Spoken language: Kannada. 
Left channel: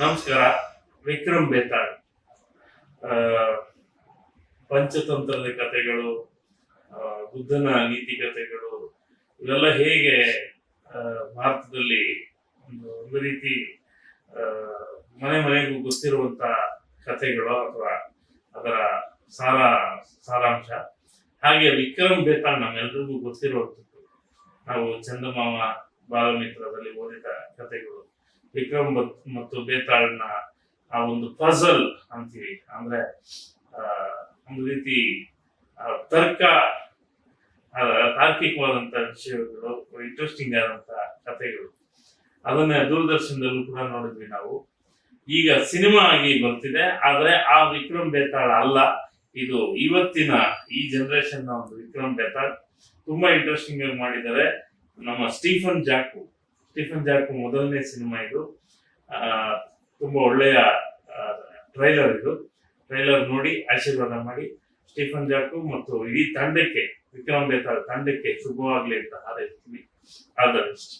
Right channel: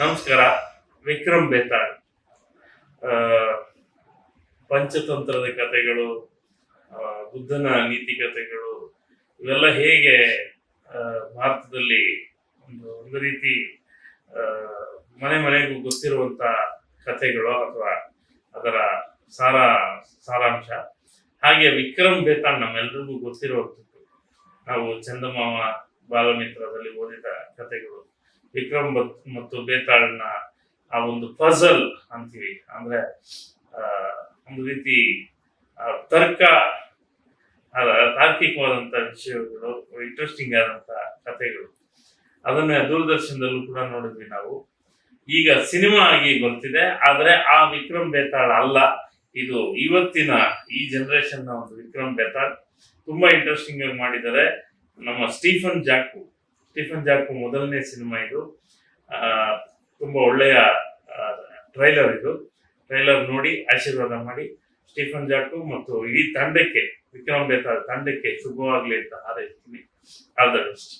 ನಮಸ್ಕಾರ. ವಿಕ್ರಮ್ ಬೇತಾಳ್ ಆ, ಪಂಚತಂತ್ರದ ಕಥೆಗಳು, ಬುದ್ಧನ ನೀತಿ ಕಥೆಗಳು, ಇವೆಲ್ಲ ಹೇಗೆ ಆ, ಭಾರತದಲ್ಲಿ ಒಂದು ರೀತಿ ಆ, ಮನೆ ಮನೆಗೂ ಗೊತ್ತಿರುವಂತ ಕಥೆಗಳು ಅಥವಾ ಅದರ ಸಾರ ಸಾರಾಂಶ. ಹಾಗೆ ವಿಕ್ರಮ್ ಬೇತಾಳ್ ನಮ್ಮೆಲ್ರಿಗೂ ಗೊತ್ತಿರುವಂಥದ್ದು. ನಾವು ಚಂದಮಾಮ ಬಾಲಮಿತ್ರದಲ್ಲಿ ಓದಿದ ಕಥೆಗಳು. ವಿಕ್ರಮ್ ಮತ್ತು ಬೇತಾಳ್ನ ಆ ಒಂದು ಪಜಲ್ ಅಂತೀವಿ, ಅಂದ್ರೆ ಆ, ಒಂದು ರೀತಿ ತರ್ಕ ತಾರ್ಕಿಕವಾದಂತ ವಿಷಯಗಳು, ಇಂಟ್ರೆಸ್ಟಿಂಗ್ ಆದಂತ ಕಥೆಗಳು. ಅದನ್ನ ದೂರದರ್ಶನದಲ್ಲೂ ಕೂಡ ನೋಡಿದ್ವಿ ನಾವು. ಈಗ ಸಿನಿಮಾ ಆಗಿ ಬರ್ತಿದೆ, ಆದ್ರೆ ಆ ವಿಕ್ರಮ್ ಬೇತಾಳ್ ಅಲ್ಲ ಇದು. ಇವತ್ತಿನ ಈ ಜನರೇಷನ್ ನ ಒಂದು ವಿಕ್ರಮ್ ಬೇತಾಳ್ ತುಂಬಾ ಇಂಟ್ರೆಸ್ಟಿಂಗ್ ಆಗಿ ಮಾಡಿದ್ದಾರೆ. ನಮ್ಮ ಸ್ಟೀಫನ್ ಜಾಕು ಮೊದಲನೇ ಸಿನಿಮಾ ಇದು. ತುಂಬಾ ಒಳ್ಳೆಯ ಟ್ರೈಲರ್ ಇದು. ಟ್ರೈಲರ್ ನೋಡಿ ಆಶೀರ್ವಾದ ಮಾಡಿ. ಸ್ಟೀಫನ್ ಜಾಕು ಮತ್ತು ಇಡೀ ತಂಡಕ್ಕೆ, ವಿಕ್ರಮ್ ಬೇತಾಳ್ ತಂಡಕ್ಕೆ ಶುಭವಾಗ್ಲಿ ಅಂತ ಹಾರೈಸ್ತೀನಿ. All the best.